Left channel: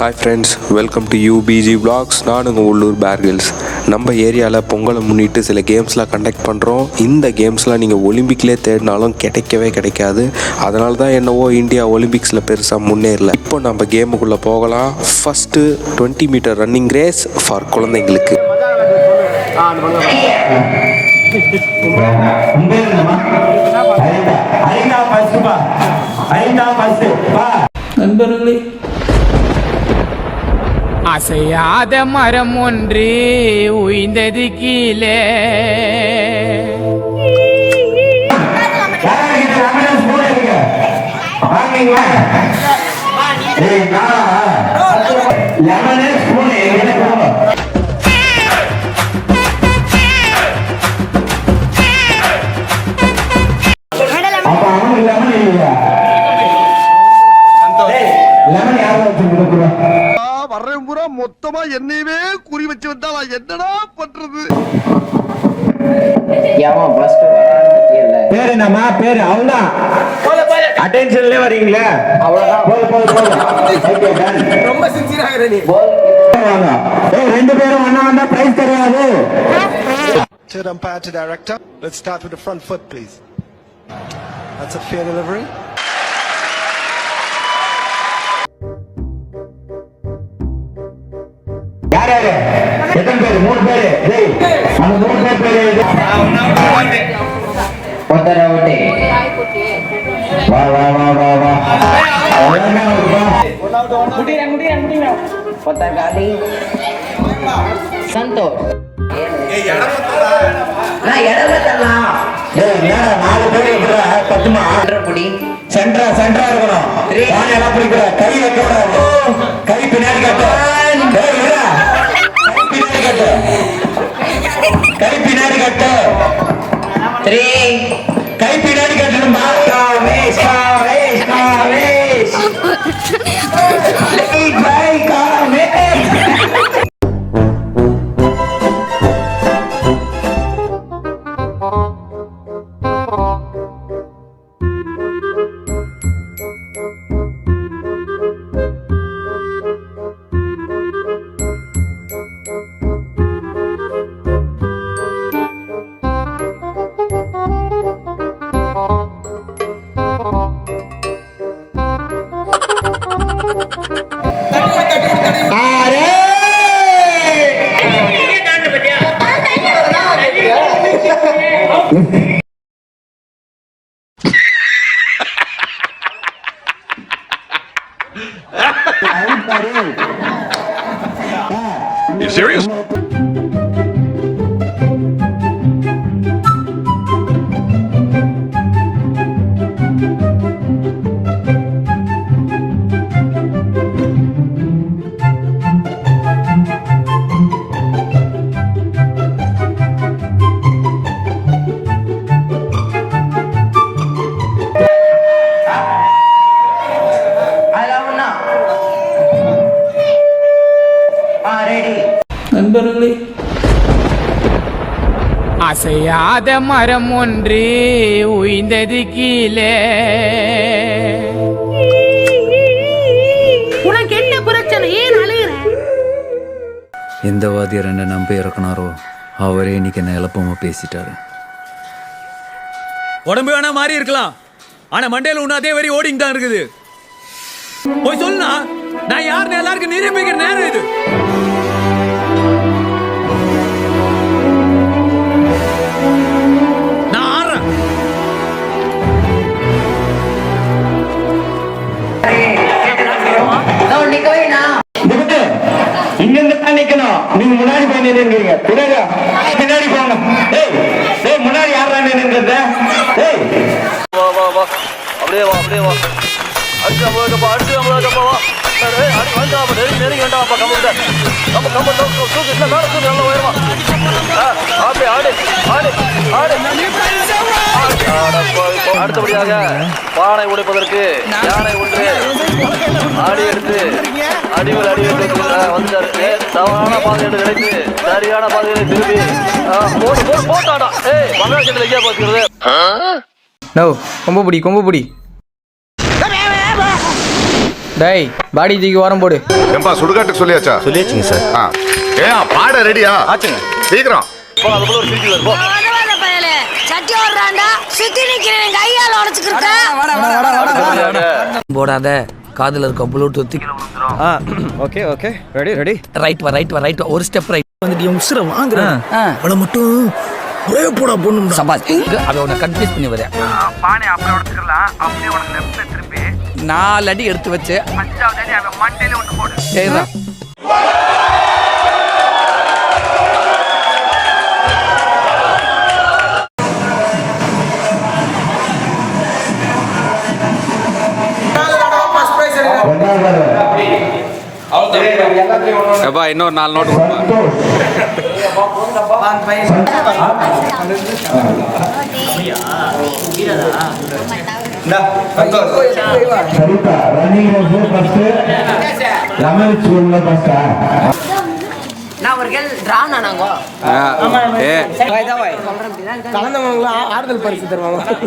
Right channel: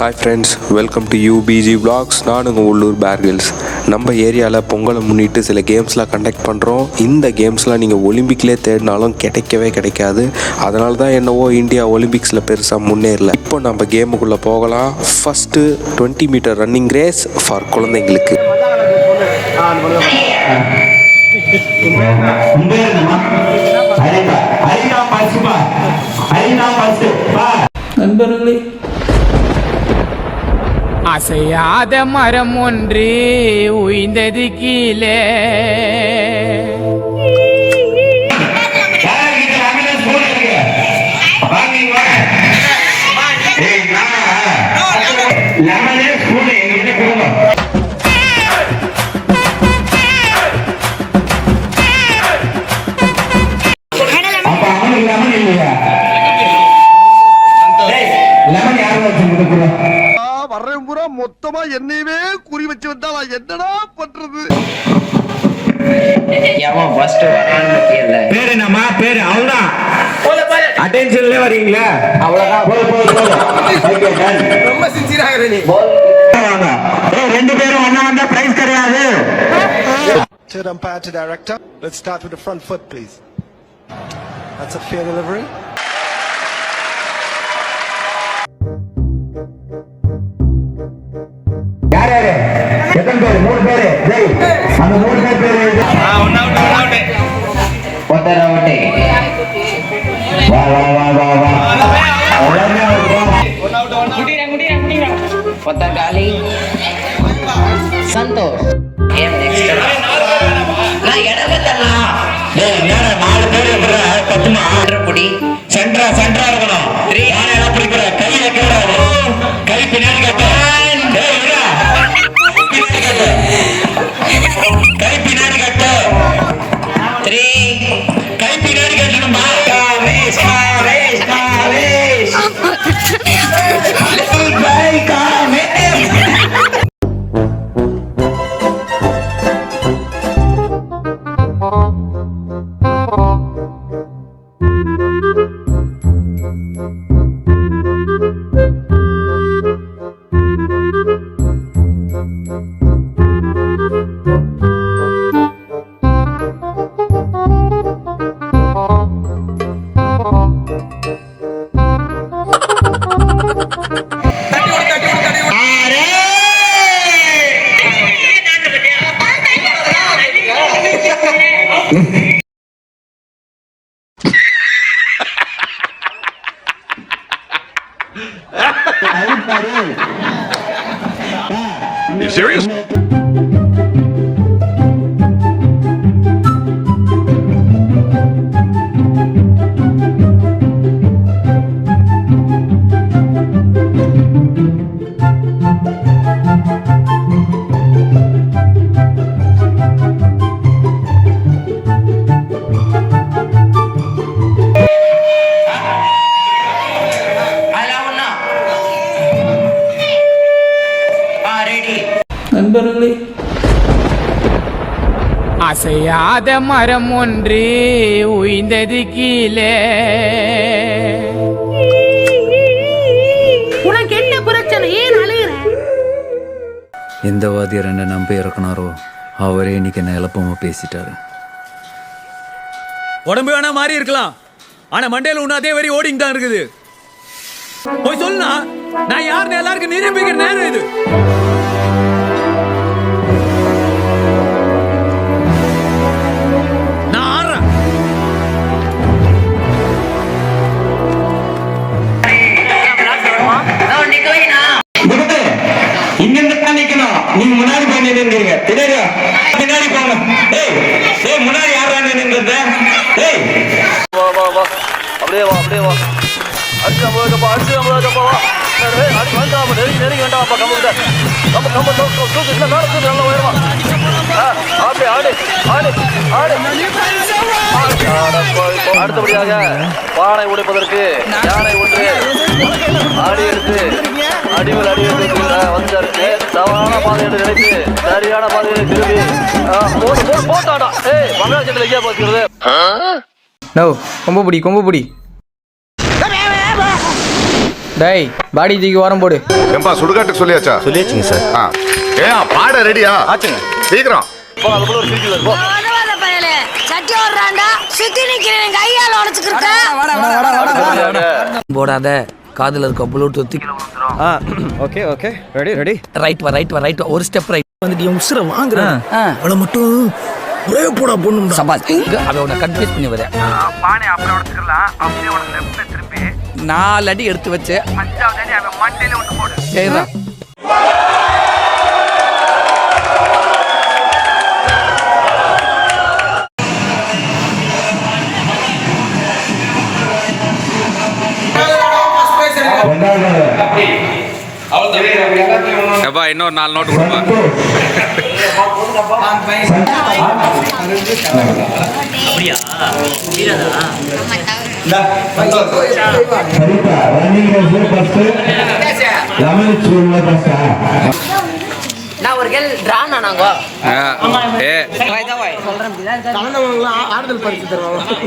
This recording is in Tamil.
Hi friends, welcome to UBG Vlogs. நான் உங்கள் உள்ளூர் பேர்கில்ஸ். நம்ம ஏரியாவில் பொங்கலை முன்னிட்டு சில கேம்ஸ்லாம் கண்டக்ட் பண்ணுறோம். இந்த கேம்ஸ்லாம் நீங்கள் ஒலிம்பிக்லேயே தேடினாலும் கிடைக்கவே கிடைக்காது. அதனால தான் என்னவோ இந்தியா ஒலிம்பிக்ஸில் பெருசாக முன்னேறல. இப்போ நம்ம கேமுக்குள்ளே போகலாம். First 20 metre running race for குழந்தைங்களுக்கு. நண்பர்களே, அசையாத மரம் ஒன்று உய்ந்தது கீழே. மொத்தமா என்னையவே குறி வச்சு வந்தா நான் என்னடா பண்றது? பேரு என்னமா பேரு? அவ்வளவுதான், அட்டென்ஷன்ல வரீங்களா? அவ்வளவுதான். ரொம்ப சின்சியராக நீ ரெண்டு பேரும் ஒண்ணா வந்தா பிரைஸ் கிடையாது. To the umpire, to director. Let's start with the front foot, please. That's a fair delivery. யாரு? எத்தனை பேரு? 3 பேரு. அந்த 3 பேரு ஒத்தர ஓட்டே. வா வா வா வா வா. முடியா. பொத்தங்காலி. சந்தோஷ். ஏம் நெக்ஸ்ட். நான் இடல தரலாம். டேய் நேரா 4 பேர் இருக்கற பத்துமா புடி. சென்டரா இருக்கணும். நான் எல்லாம் புடிக்கற. கைய கேடா. கை பின்னாடி கட்டு. டேய் விடா. கை பின்னாடி கட்டு. 3 கை பின்னாடி கட்டணும். மார்க்கா ரேஸ் பை காமே. You serious? நண்பர்களே, அசையாத மரம் ஒன்று உய்ந்தது கீழே. உனக்கு என்ன பிரச்சனை? ஏன் அழுகிற? எந்த வாத்தியார் என்ன நம்பி இறக்குனாரோ அவரே இன்னைக்கு என்ன எளப்பமா பேசிட்டாரு. உடம்பு வேணா மாறி இருக்கலாம், ஆனா மண்டையில ஒண்ணு அதே வரி ஓடிங் தான் இருக்குது. போய் சொல்லுனா நான் யாருன்னு எல்லாருக்கும் நிரூபிக்கிற நேரம் இது. நான் ஆடுறேன். இங்க தான் நிக்கணும். நீங்க முன்னாடி போய் நின்னுங்க. பின்னாடி போங்க. ஏய் முன்னாடி யாரா நின்னுங்க? ஏய் வா அப்படியே வா அடிச்சு நம்மளுக்கப்பா வா. அடி வேண்டாம், நெருங்கி வேண்டாம்ப்பா. கம்பு தூக்கு இல்லை, மேலே தூக்கு, நல்லா உயரமா. அப்படியே ஆடு. அடுத்தபடியாக பானை உடைப்பதற்கு யானை ஒன்று அடி எடுத்து அடிவில் அடி எடுத்து வந்துட்டாரு. தவறான பாதை என்று நினைத்து சரியான பாதையை திரும்பி போட்டாடா. பங்காளத்தில் எங்கேயா பார்த்துக்கிறது? கொம்பு பிடி. டேய் பாடி தூக்கி ஓரம் போடு. ஏம்பா சுடுகாட்டுக்கு சொல்லியாச்சா? சொல்லியாச்சுங்க சார். ஏன் பாட ரெடியா? ஆச்சுங்க. சீக்கிரம். போ அதுக்குள்ள ஒரு சீக்கிரம் போ. சட்டி ஓடுறாண்டா சுத்தி நிக்கிறேன் கையால உடைச்சுக்கிட்ட. போடாத காதுல இருக்க ப்ளூடூத் கீழ விழுந்துரும். Okay okay ready ready. Right வா ஒரு ஸ்டெப் ரைட். வந்துட்டு என் உசுர வாங்குறேன். அவளை மட்டும் ஒரே போடா பொண்ணுடா. சபாஸ் அவ உன்னை கன்ஃபியூஸ் பண்ணி வர. பானை அப்படியே உடைச்சுக்கலாம். அப்படியே உனக்கு லெஃப்ட்ல திருப்பி 4 அடி எடுத்து வச்சு 5வது அடி அவ மண்டையில ஒன்னு போடு. சரிடா. எப்பா இன்னொரு 4 நோட்டு கொடுப்பா. நான் ஒரு கேள் டிரா நானாங்க. ஏ கலந்தவங்க ஆறுதல் பரிசு தருவாங்க.